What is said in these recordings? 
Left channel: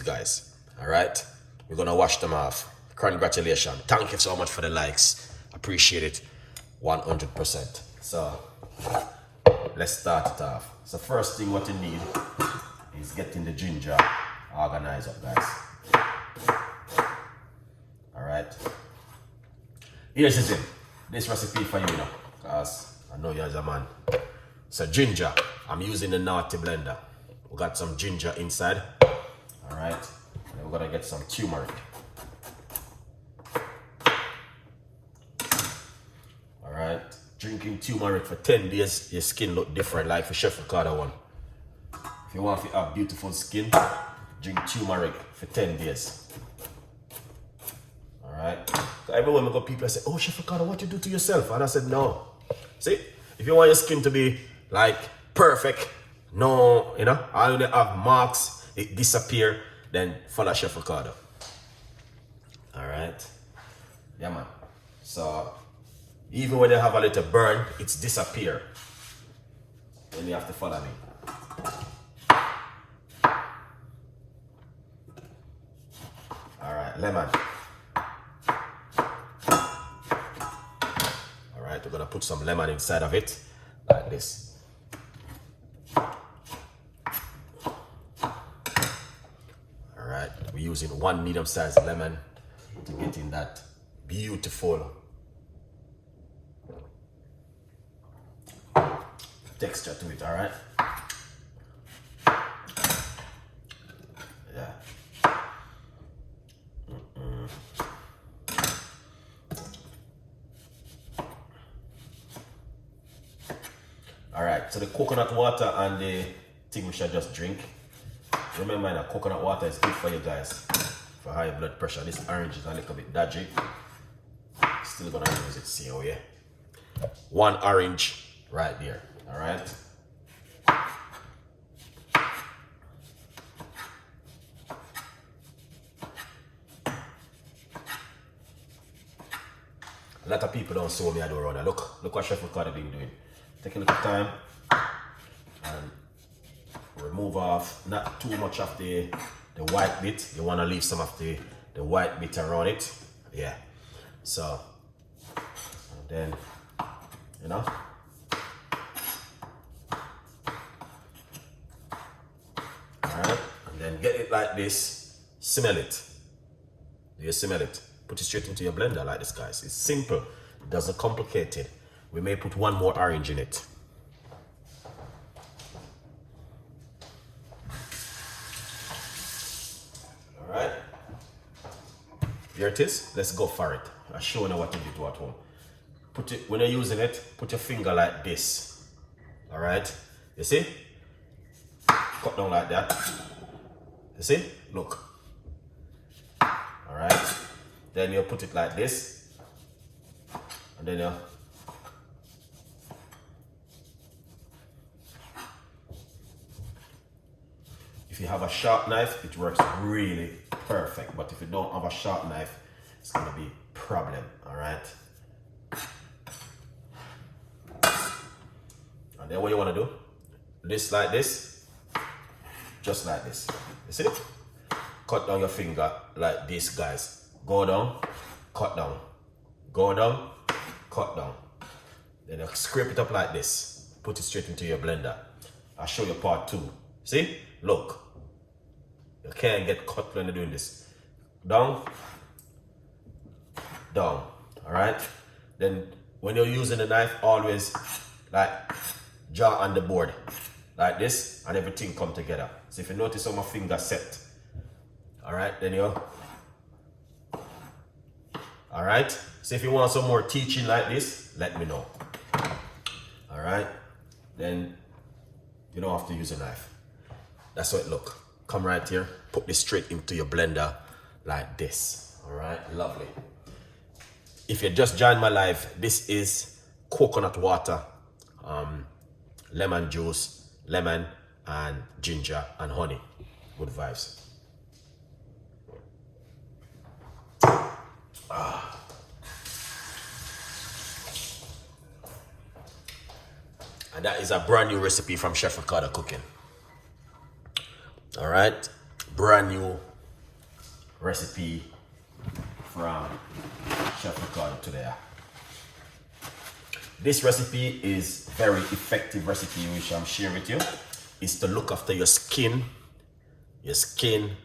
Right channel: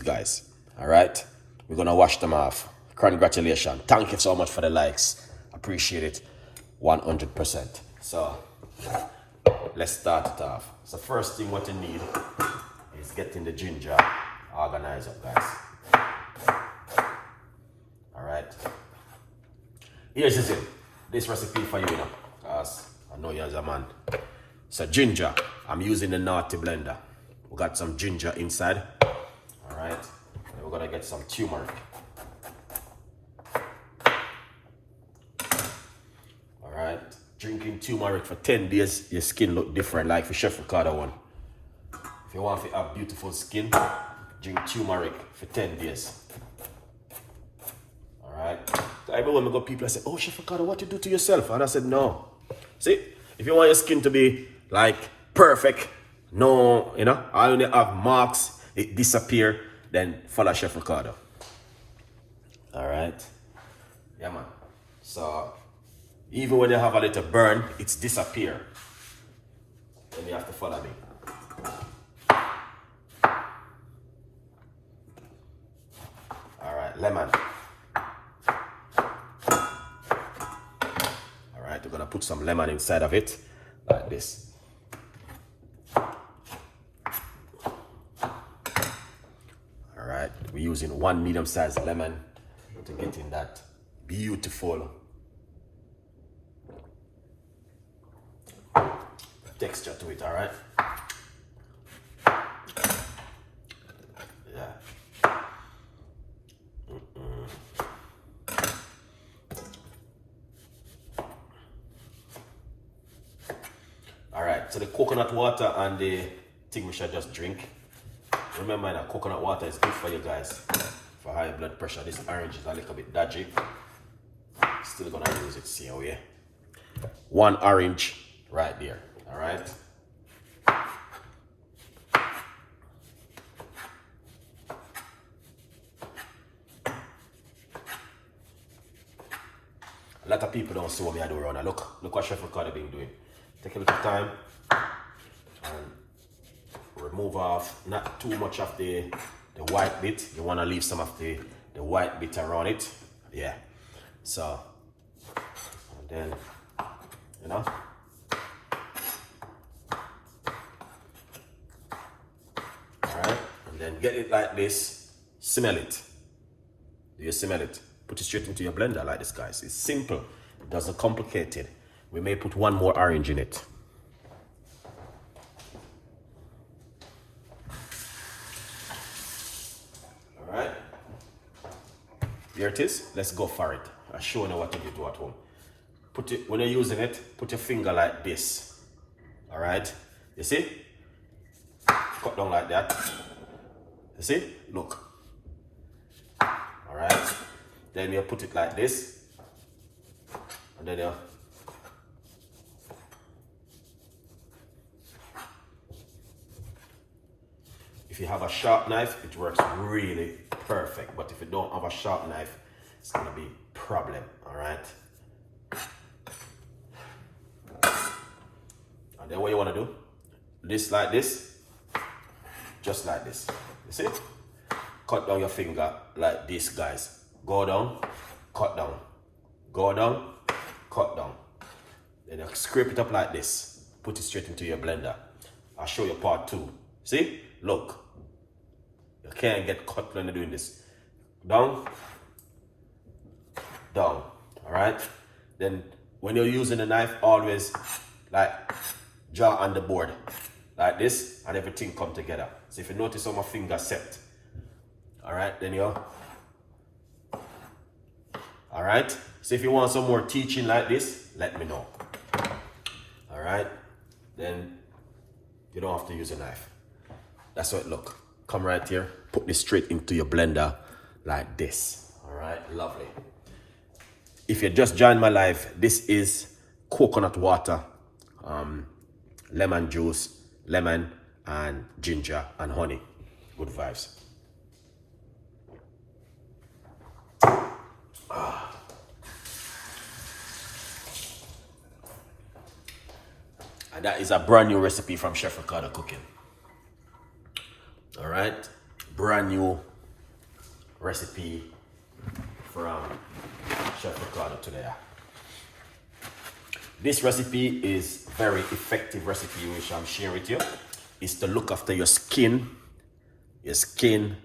guys. All right, we're gonna wash them off. Congratulations. Thank you so much for the likes. Appreciate it 100%. So let's start it off. So first thing what you need is getting the ginger organized up, guys. All right. Here's the thing. This recipe for you now, because I know you're a man. So ginger, I'm using the naughty blender. We got some ginger inside. All right. And we're gonna get some turmeric. All right. Drinking turmeric for 10 days, your skin look different, like for Chef Ricardo one. If you want to have beautiful skin, drink turmeric for 10 days. All right. So everywhere we go, people say, "Oh, Chef Ricardo, what you do to yourself?" And I said, "No. See, if you want your skin to be like perfect, no, you know, all you have marks, it disappear, then follow Chef Ricardo." All right. Yeah, man. So even when they have a little burn, it's disappear. Then you have to follow me. All right, lemon. All right, we're gonna put some lemon inside of it, like this. All right, we're using 1 medium-sized lemon to get in that beautiful texture to it. All right. Yeah. All right, so the coconut water and the thing we should just drink. Remember that coconut water is good for you guys for high blood pressure. This orange is a little bit dodgy. Still gonna use it same way. 1 orange right there. All right. A lot of people don't see what me I do around. Look what Chef Ricardo been doing. Take a little time and remove off not too much of the white bit. You want to leave some of the white bit around it. Yeah. So and then, you know, all right, and then get it like this. Smell it. Do you smell it? Put it straight into your blender like this, guys. It's simple. It doesn't complicate it. We may put 1 more orange in it. All right. Here it is. Let's go for it. I'll show you what to do at home. Put it, when you're using it, put your finger like this. All right. You see? Cut down like that. You see? Look. All right. Then you put it like this. And then you if you have a sharp knife, it works really perfect. But if you don't have a sharp knife, it's gonna be a problem. All right. And then what you wanna do? This like this, just like this. You see? Cut down your finger like this, guys. Go down, cut down. Go down, cut down. Then you scrape it up like this. Put it straight into your blender. I'll show you part 2. See? Look. You can't get cut when you're doing this. Down, down. Alright? Then when you're using the knife, always like draw on the board. Like this, and everything come together. So if you notice how my finger set. Alright, then you. Alright? So if you want some more teaching like this, let me know. Alright? Then you don't have to use a knife. That's what it look. Come right here, put this straight into your blender like this. Alright, lovely. If you just joined my live, this is coconut water, lemon juice, lemon and ginger and honey. Good vibes. And that is a brand new recipe from Chef Ricardo Cooking. All right, brand new recipe from Chef Ricardo today. This recipe is very effective recipe which I'm sharing with you. It's to look after your skin. Your skin,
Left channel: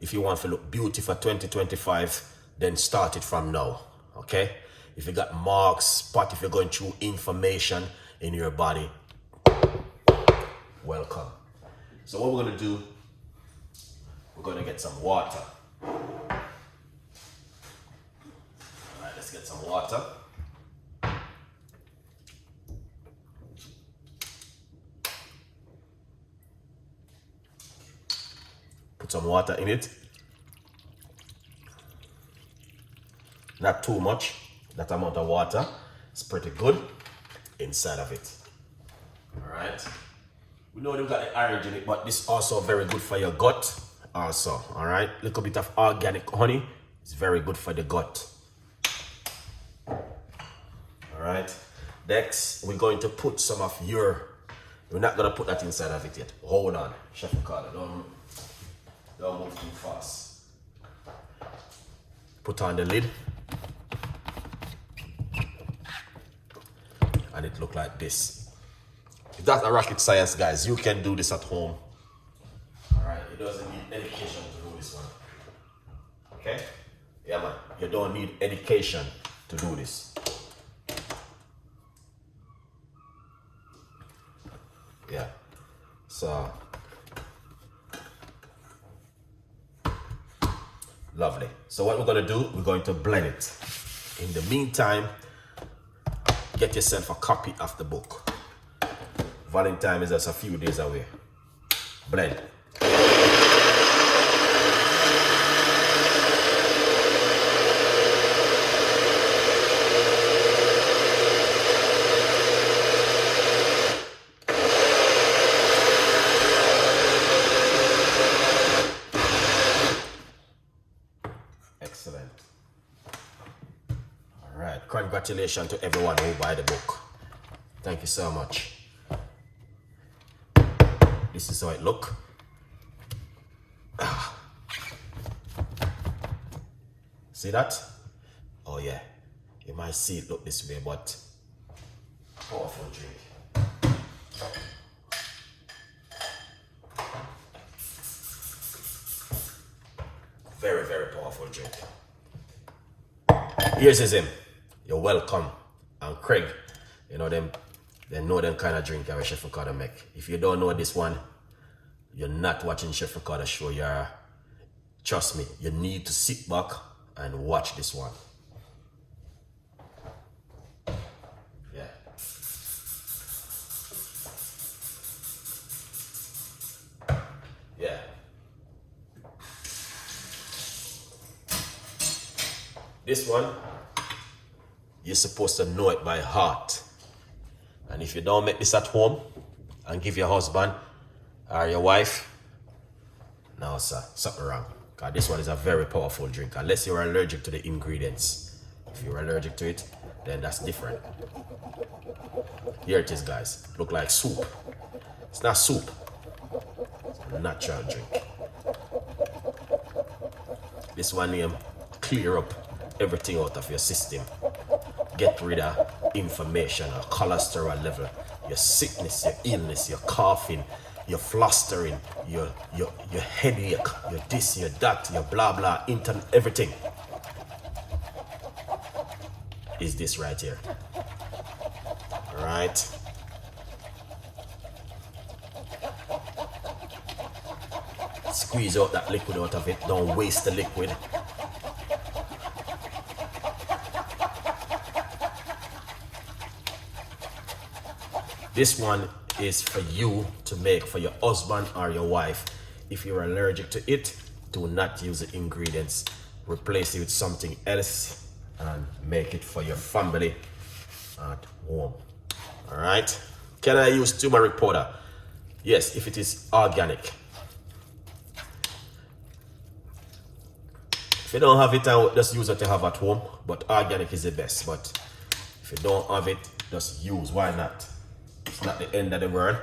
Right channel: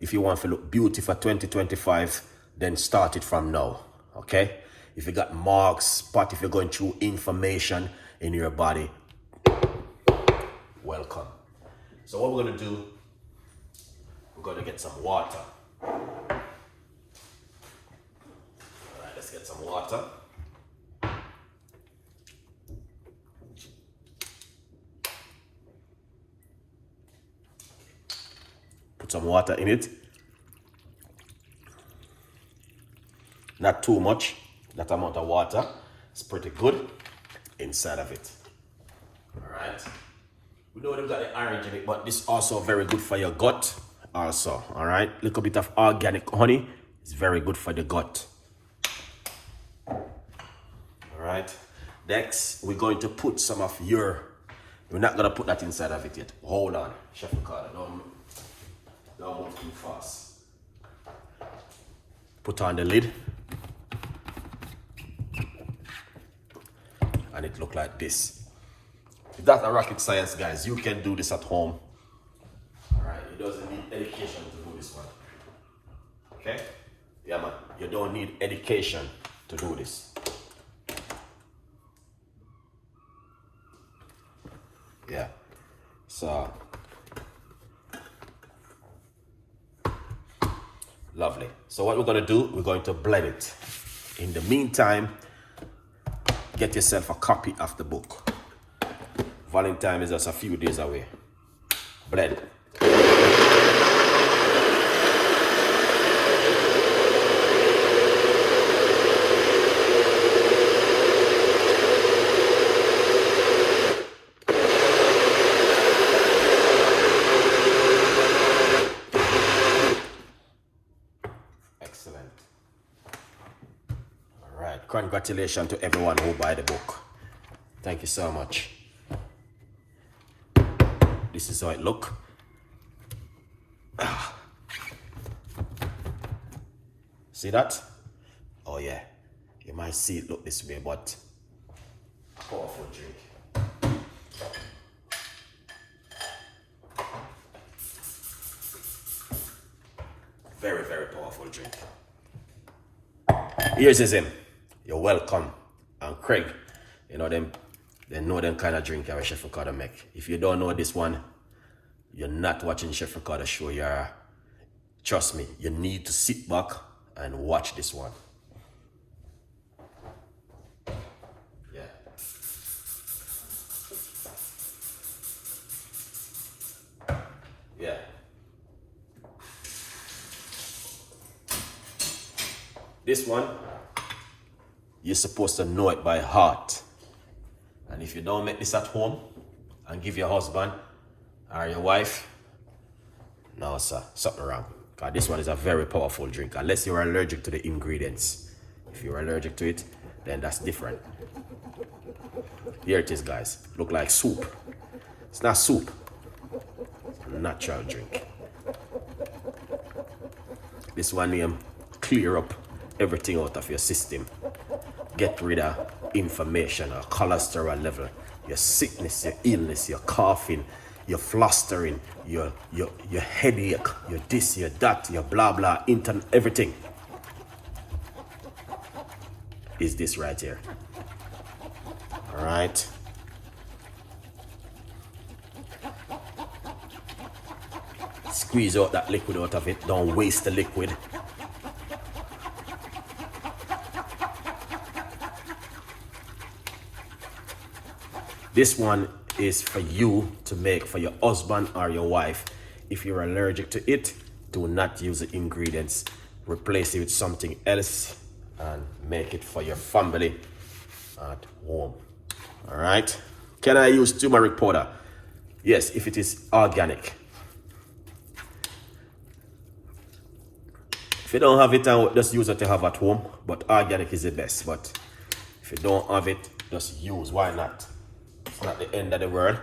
if you want to look beautiful for 2025, then start it from now, okay? If you got marks, spot, if you're going through inflammation in your body, welcome. So what we're gonna do, we're gonna get some water. All right, let's get some water. Put some water in it. Not too much, that amount of water. It's pretty good inside of it. All right. We know we've got the orange in it, but this is also very good for your gut also, all right? Little bit of organic honey is very good for the gut. All right. Next, we're going to put some of we're not gonna put that inside of it yet. Hold on, Chef Ricardo, don't move too fast. Put on the lid. And it look like this. If that's a rocket science, guys, you can do this at home. All right, it doesn't need education to do this one. Okay? Yeah, man, you don't need education to do this. Yeah, so lovely. So what we're gonna do, we're going to blend it. In the meantime, get yourself a copy of the book. Valentine is just a few days away. Blend. Excellent. All right, congratulations to everyone who buy the book. Thank you so much. This is how it look. See that? Oh yeah, you might see it look this way, but powerful drink. Very, very powerful drink. Here's his in. You're welcome. And Craig, you know them. They know them kind of drink our Chef Ricardo make. If you don't know this one, you're not watching Chef Ricardo show. Trust me, you need to sit back and watch this one. Yeah. Yeah. This one, you're supposed to know it by heart. And if you don't make this at home and give your husband or your wife, no sir, something wrong. Because this one is a very powerful drink, unless you're allergic to the ingredients. If you're allergic to it, then that's different. Here it is, guys. Look like soup. It's not soup. It's a natural drink. This one name clear up everything out of your system. Get rid of inflammation or cholesterol level, your sickness, your illness, your coughing, your flustering, your headache, your this, your that, your blah blah, everything is this right here. All right. Squeeze out that liquid out of it. Don't waste the liquid. This one is for you to make for your husband or your wife. If you're allergic to it, do not use the ingredients. Replace it with something else and make it for your family at home. All right. Can I use turmeric powder? Yes, if it is organic. If you don't have it, just use it to have at home. But organic is the best. But if you don't have it, just use. Why not? It's not the end of the world.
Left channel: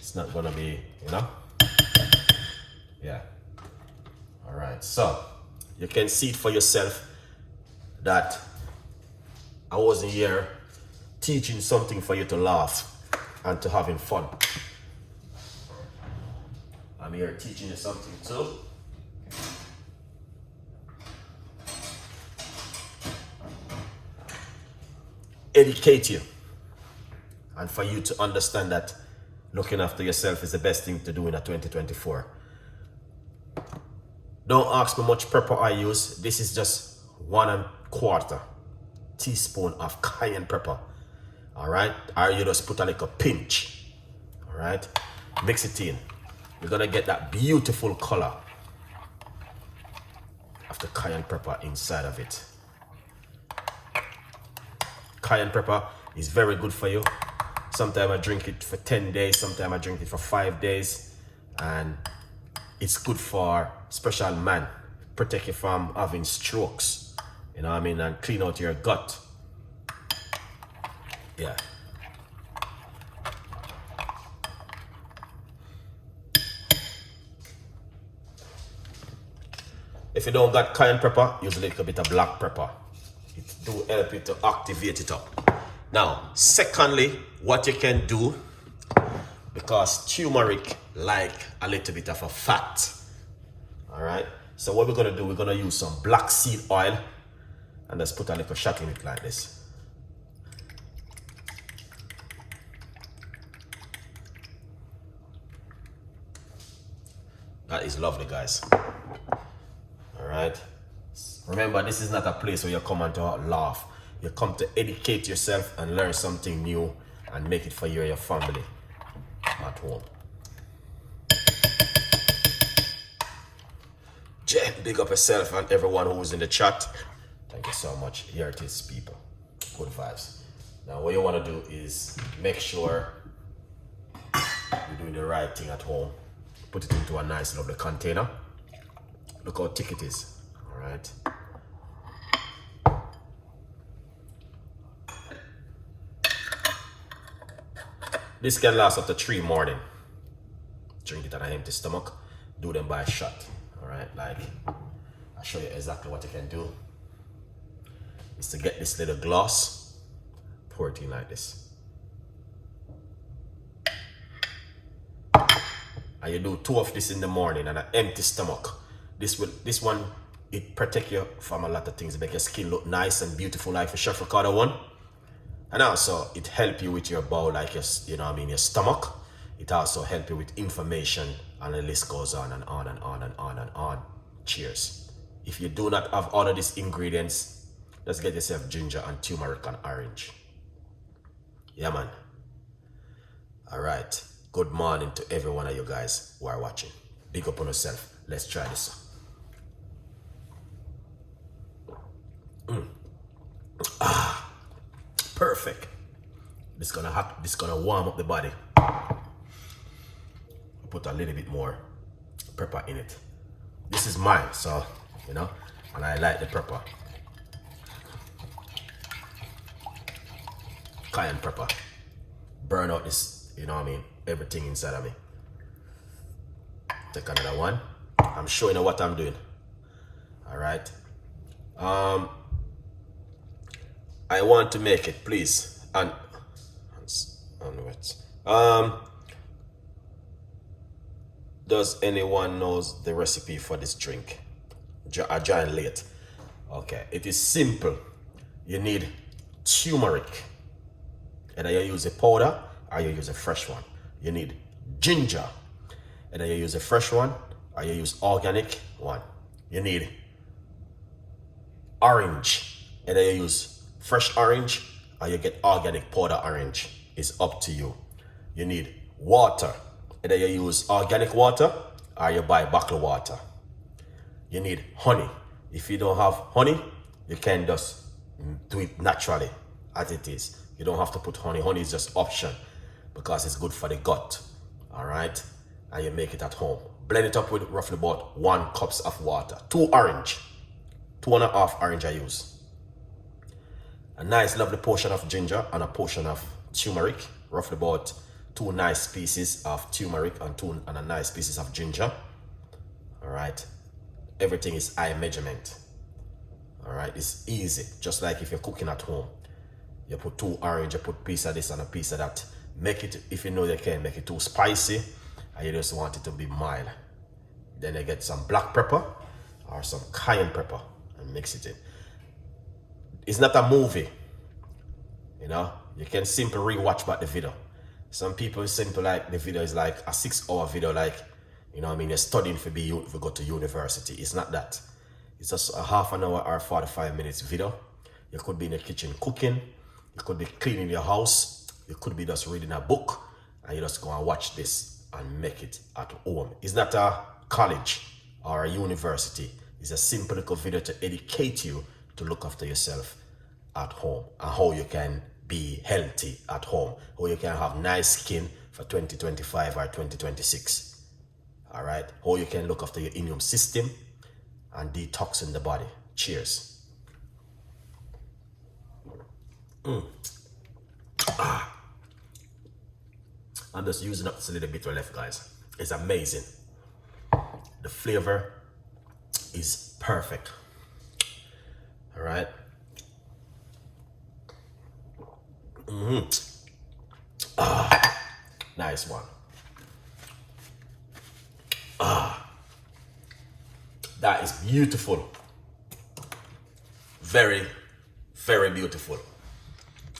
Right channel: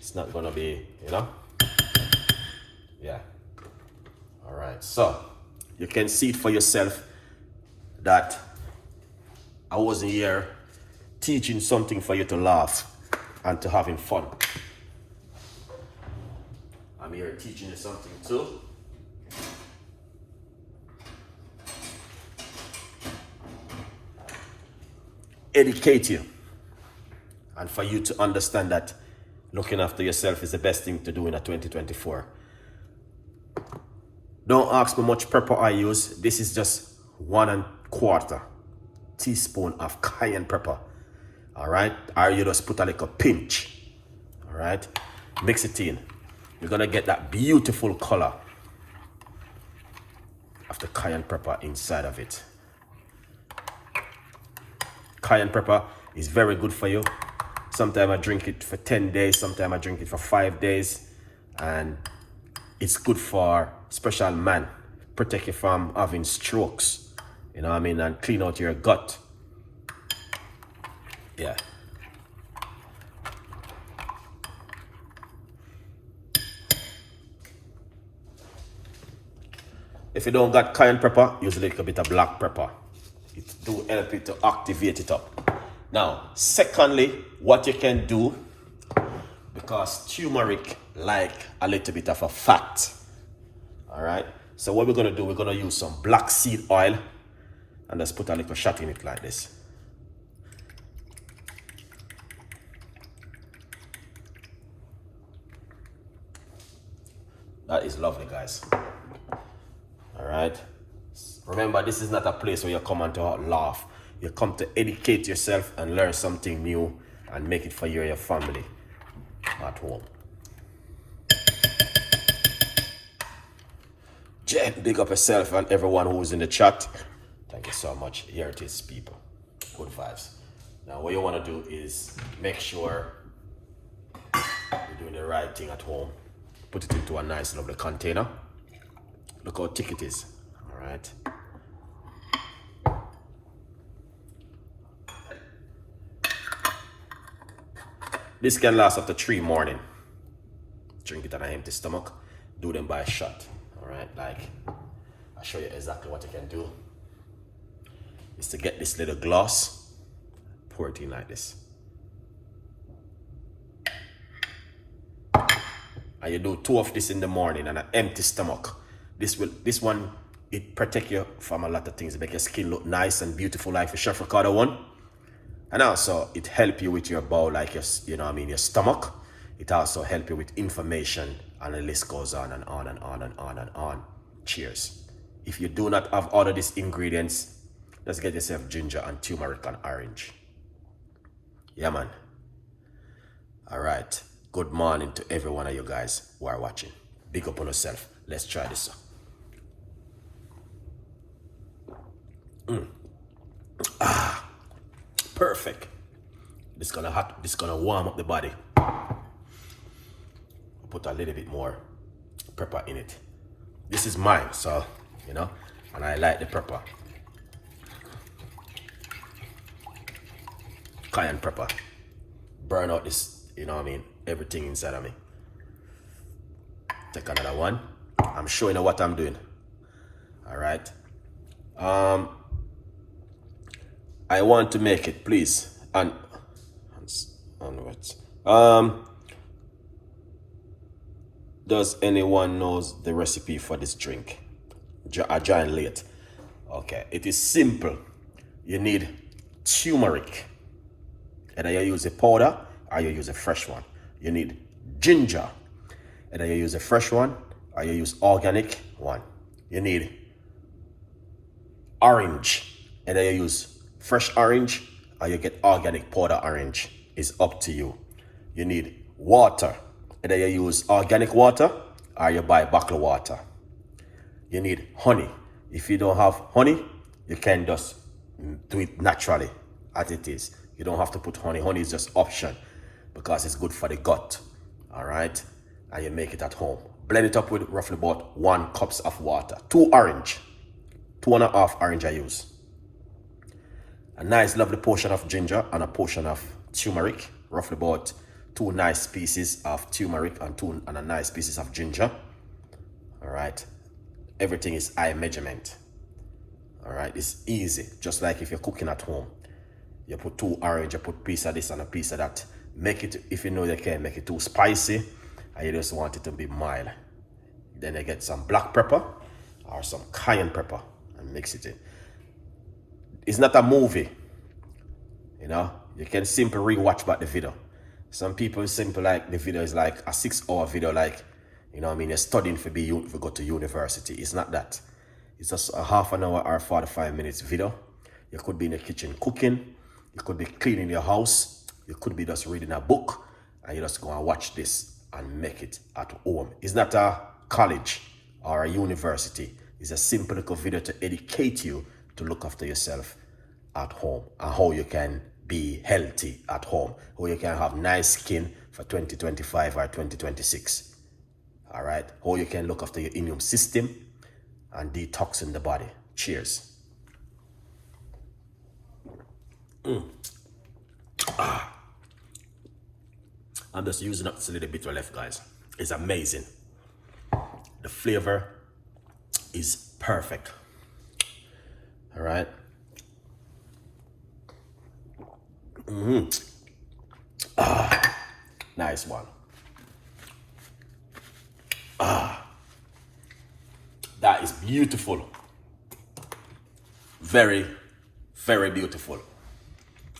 It's not gonna be, you know? Yeah. All right, so You can see it for yourself that I wasn't here teaching something for you to laugh and to having fun. I'm here teaching you something too. Educate you. And for you to understand that looking after yourself is the best thing to do in a 2024. Don't ask me much pepper I use. This is just 1¼ teaspoon of cayenne pepper. All right, or you just put a little pinch. All right, mix it in. You're gonna get that beautiful color of the cayenne pepper inside of it. Cayenne pepper is very good for you. Sometimes I drink it for 10 days, sometimes I drink it for 5 days, and it's good for special man. Protect you from having strokes, you know what I mean, and clean out your gut. Yeah. If you don't got cayenne pepper, use a little bit of black pepper. It do help it to activate it up. Now, secondly, what you can do, because turmeric like a little bit of a fat. All right. So what we're gonna do, we're gonna use some black seed oil, and just put a little shot in it like this. That is lovely, guys. All right. Remember, this is not a place where you come and to laugh. You come to educate yourself and learn something new and make it for you and your family at home. Jen, big up yourself and everyone who's in the chat. Thank you so much. Here it is, people. Good vibes. Now, what you want to do is make sure you're doing the right thing at home. Put it into a nice, lovely container. Look how thick it is. All right. This can last up to 3 mornings. Drink it on an empty stomach. Do them by a shot. Alright, like I'll show you exactly what you can do. Is to get this little glass, pour it in like this. And you do 2 of this in the morning on an empty stomach. This one, it protect you from a lot of things. It make your skin look nice and beautiful like the Chef Ricardo one. And also, it help you with your bowel, like your, you know what I mean, your stomach. It also help you with information, and the list goes on and on and on and on and on. Cheers. If you do not have all of these ingredients, just get yourself ginger and turmeric and orange. Yeah, man. All right. Good morning to every one of you guys who are watching. Big up on yourself. Let's try this. Perfect. This gonna warm up the body. Put a little bit more pepper in it. This is mine, so you know, and I like the pepper. Cayenne pepper. Burn out this, you know what I mean, everything inside of me. Take another one. I'm showing you what I'm doing. All right. I want to make it, please. And does anyone knows the recipe for this drink? I joined late. Okay, it is simple. You need turmeric, either you use a powder or you use a fresh one. You need ginger, either you use a fresh one or you use organic one. You need orange, either you use fresh orange or you get organic powder orange. Is up to you. You need water, either you use organic water or you buy bottled water. You need honey. If you don't have honey, you can just do it naturally as it is. You don't have to put honey. Honey is just option because it's good for the gut. All right, and you make it at home. Blend it up with roughly about 1 cup of water. 2 orange, 2.5 orange I use. A nice lovely portion of ginger and a portion of turmeric, roughly about 2 nice pieces of turmeric and a nice pieces of ginger. All right, everything is eye measurement. All right, it's easy. Just like if you're cooking at home, you put 2 orange, you put a piece of this and a piece of that. Make it, if you know you can, make it too spicy, and you just want it to be mild. Then you get some black pepper or some cayenne pepper and mix it in. It's not a movie, you know. You can simply rewatch back the video. Some people simply like the video is like a 6-hour video, like, you know what I mean, you're studying for go to university. It's not that. It's just a half an hour or 45 minutes video. You could be in the kitchen cooking, you could be cleaning your house, you could be just reading a book, and you just go and watch this and make it at home. It's not a college or a university. It's a simple little video to educate you to look after yourself at home, and how you can be healthy at home, how you can have nice skin for 2025 or 2026. All right, how you can look after your immune system and detoxing the body. Cheers. I'm just using up this little bit left, guys. It's amazing. The flavor is perfect. All right. Nice one. That is beautiful. Very, very beautiful.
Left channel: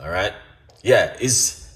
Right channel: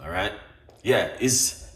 All right. Yeah, it's